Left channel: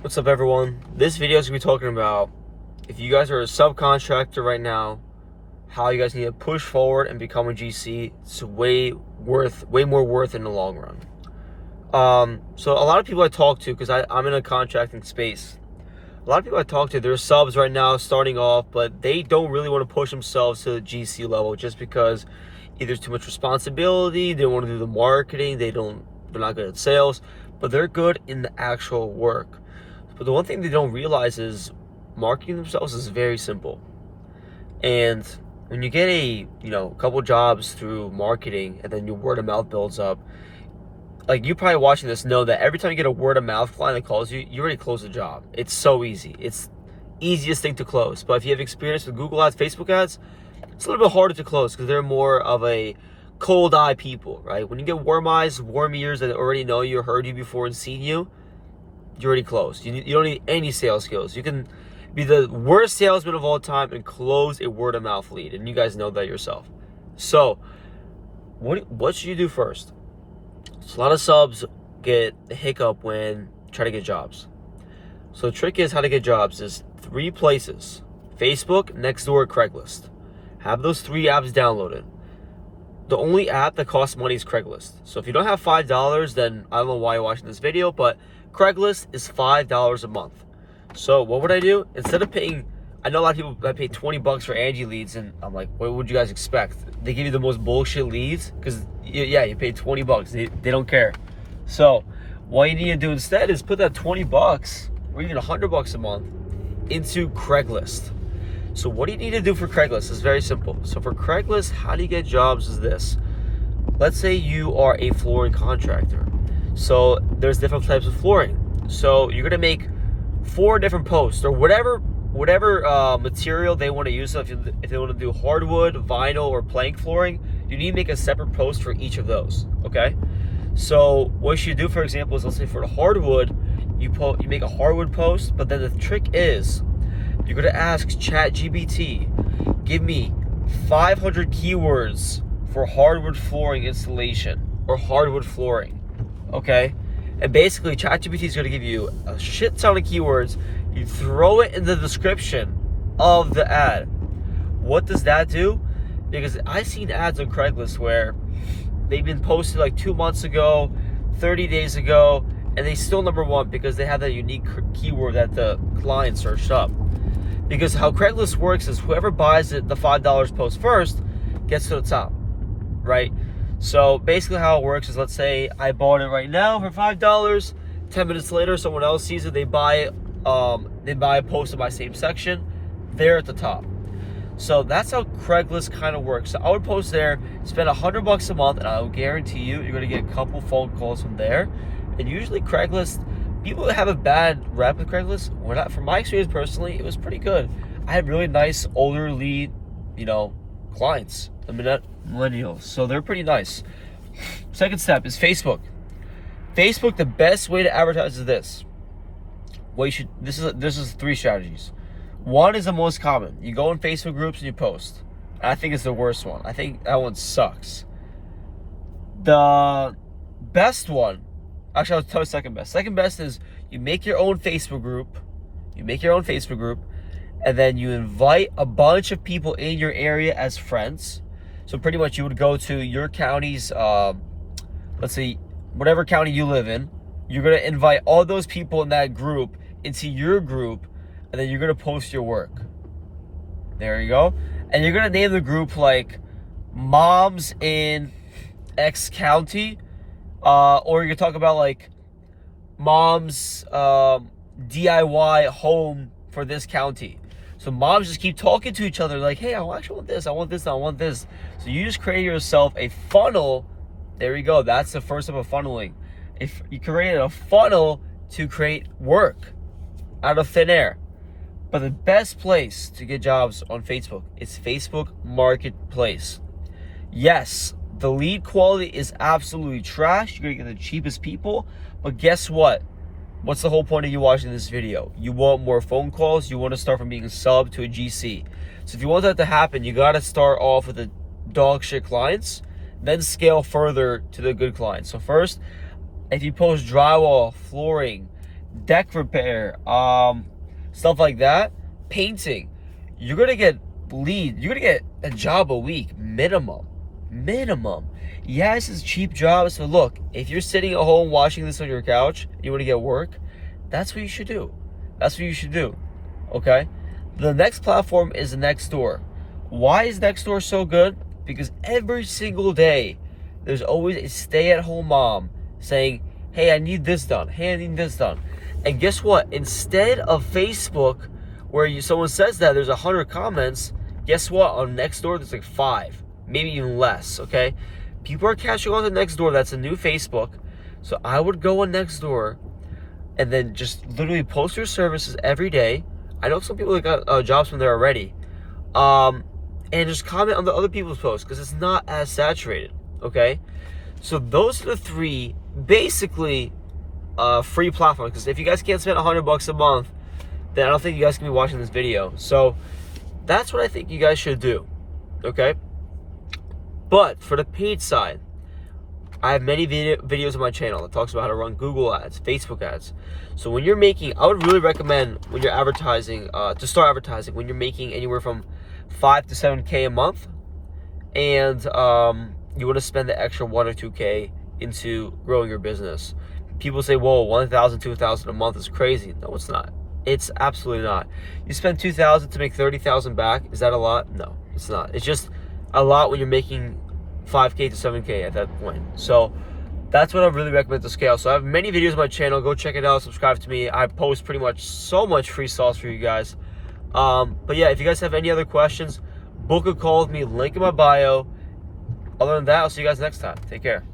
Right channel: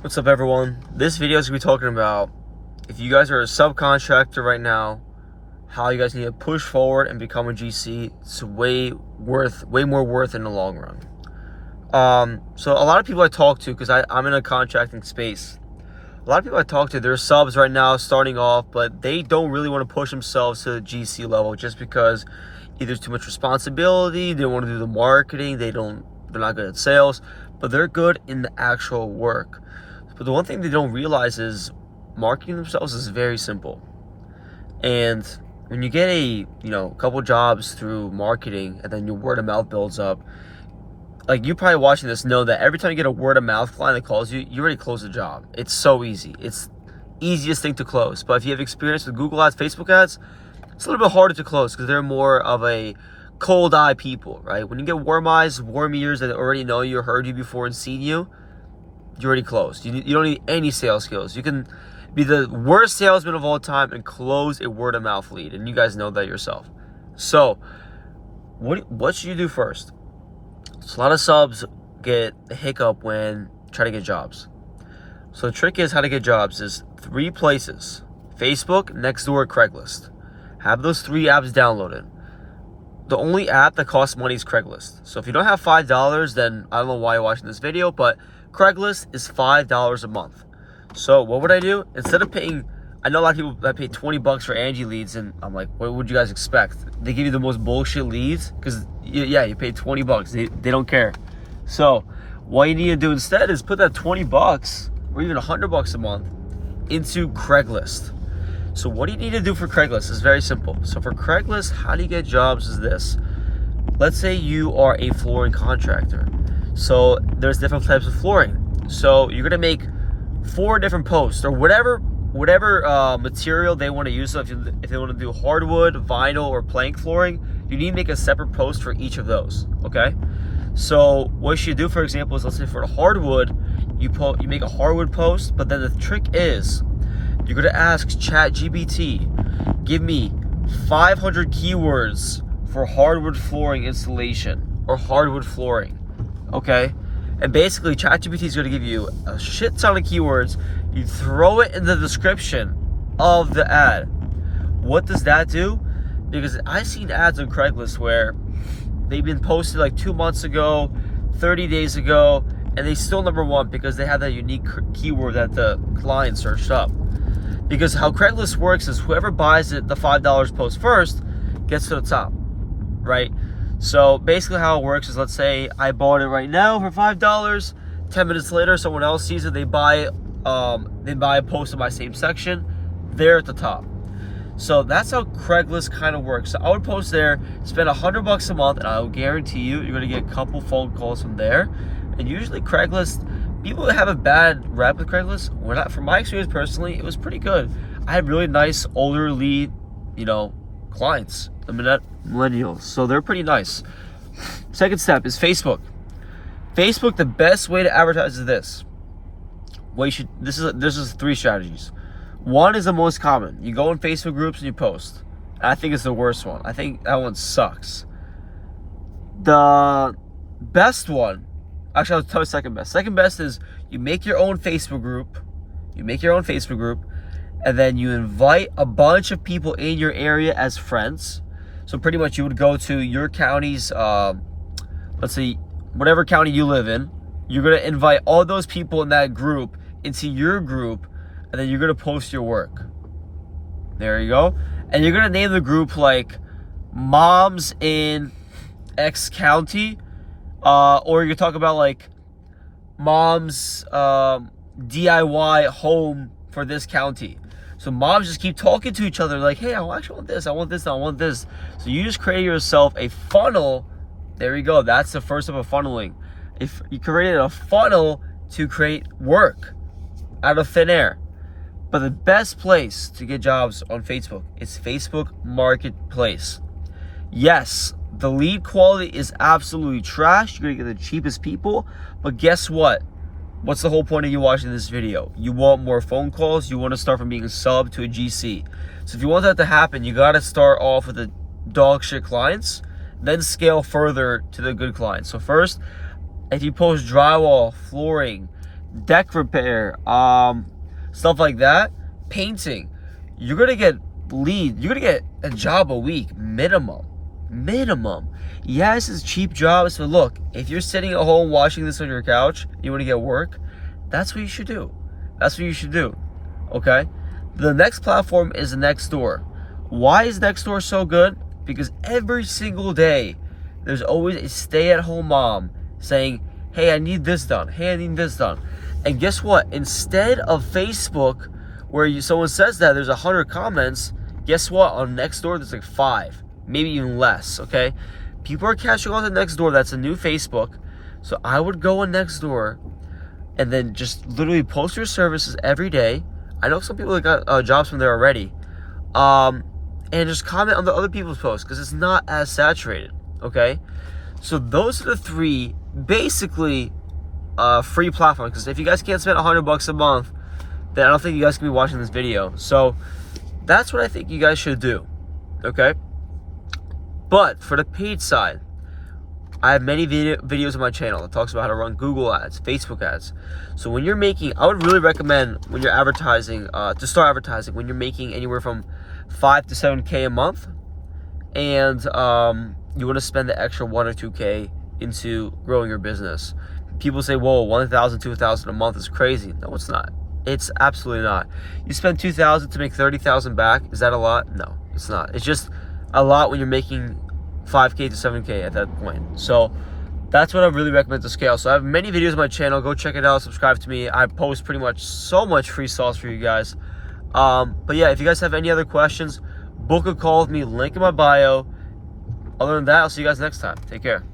What's up, everyone? This video is going to be talking about if you guys are a subcontractor right now, how you guys need to push forward and become a GC. It's way more worth in the long run. So a lot of people I talk to, because I'm in a contracting space, a lot of people I talk to, they're subs right now starting off, but they don't really want to push themselves to the GC level just because either there's too much responsibility, they don't want to do the marketing, they're not good at sales, but they're good in the actual work. But the one thing they don't realize is marketing themselves is very simple. And when you get a couple jobs through marketing and then your word of mouth builds up, like you probably watching this know that every time you get a word of mouth client that calls you, you already close the job. It's so easy. It's easiest thing to close. But if you have experience with Google ads, Facebook ads, it's a little bit harder to close because they're more of a cold eye people, right? When you get warm eyes, warm ears that already know you, heard you before and seen you, you're already closed. You don't need any sales skills. You can be the worst salesman of all time and close a word of mouth lead, and you guys know that yourself. So what should you do first? So a lot of subs get a hiccup when trying to get jobs. So the trick is how to get jobs is 3 places: Facebook, Nextdoor, Craigslist. Have those 3 apps downloaded. The only app that costs money is Craigslist. So if you don't have $5, then I don't know why you're watching this video, but Craigslist is $5 a month. So what would I do? Instead of paying, I know a lot of people that pay $20 for Angie leads, and I'm like, what would you guys expect? They give you the most bullshit leads because you paid $20. They don't care. So what you need to do instead is put that $20 or even $100 a month into Craigslist. So what do you need to do for Craigslist is very simple. So for Craigslist, how do you get jobs is this. Let's say you are a flooring contractor. So there's different types of flooring. So you're gonna make 4 different posts or whatever material they want to use. So if they want to do hardwood, vinyl, or plank flooring, you need to make a separate post for each of those. Okay. So what you do, for example, is let's say for the hardwood, you make a hardwood post, but then the trick is you're gonna ask ChatGPT, give me 500 keywords for hardwood flooring installation or hardwood flooring. Okay, and basically ChatGPT is going to give you a shit ton of keywords. You throw it in the description of the ad. What does that do? Because I've seen ads on Craigslist where they've been posted like 2 months ago, 30 days ago, and they still number 1 because they have that unique keyword that the client searched up. Because how Craigslist works is whoever buys it, the $5 post first, gets to the top, right? So basically how it works is, let's say I bought it right now for $5. 10 minutes later, someone else sees it. They buy a post in my same section. They're at the top. So that's how Craigslist kind of works. So I would post there, spend $100 a month, and I'll guarantee you're going to get a couple phone calls from there. And usually Craigslist, people have a bad rep with Craigslist. From my experience personally, it was pretty good. I had really nice older lead, clients. I mean, not millennials, so they're pretty nice. Second step is Facebook. Facebook, the best way to advertise is this. This is 3 strategies. 1 is the most common. You go in Facebook groups and you post. And I think it's the worst one. I think that one sucks. The best one, actually I'll tell you second best. Second best is you make your own Facebook group. And then you invite a bunch of people in your area as friends. So pretty much you would go to your county's, let's say, whatever county you live in. You're going to invite all those people in that group into your group, and then you're going to post your work. There you go. And you're going to name the group like Moms in X County, or you talk about like Moms DIY home for this county. So moms just keep talking to each other like, hey, I actually want this, I want this, I want this. So you just create yourself a funnel. There you go. That's the first step of funneling. If you created a funnel to create work out of thin air. But the best place to get jobs on Facebook is Facebook Marketplace. Yes, the lead quality is absolutely trash. You're gonna get the cheapest people, but guess what? What's the whole point of you watching this video? You want more phone calls. You want to start from being a sub to a GC. So if you want that to happen, you got to start off with the dog shit clients, then scale further to the good clients. So first, if you post drywall, flooring, deck repair, stuff like that, painting, you're gonna get you're gonna get a job a week minimum. Yes, it's cheap jobs, but look, if you're sitting at home watching this on your couch, you want to get work, that's what you should do. Okay? The next platform is Nextdoor. Why is Nextdoor so good? Because every single day there's always a stay-at-home mom saying, hey, I need this done. And guess what? Instead of Facebook, where someone says that there's 100 comments, guess what? On Nextdoor, there's like 5, maybe even less, okay? People are catching on to Nextdoor. That's a new Facebook. So I would go on Nextdoor and then just literally post your services every day. I know some people that got jobs from there already. And just comment on the other people's posts because it's not as saturated, okay? So those are the 3 basically free platforms. Because if you guys can't spend $100 a month, then I don't think you guys can be watching this video. So that's what I think you guys should do, okay? But for the paid side, I have many videos on my channel that talks about how to run Google ads, Facebook ads. So when you're making, I would really recommend when you're advertising, to start advertising when you're making anywhere from 5 to 7K a month, and you want to spend the extra 1 or 2K into growing your business. People say, whoa, 1,000, 2,000 a month is crazy. No, it's not. It's absolutely not. You spend 2,000 to make 30,000 back. Is that a lot? No, it's not. It's just a lot when you're making 5K to 7K at that point. So that's what I really recommend to scale. So I have many videos on my channel. Go check it out. Subscribe to me. I post pretty much so much free sauce for you guys. But yeah, if you guys have any other questions, book a call with me. Link in my bio. Other than that, I'll see you guys next time. Take care.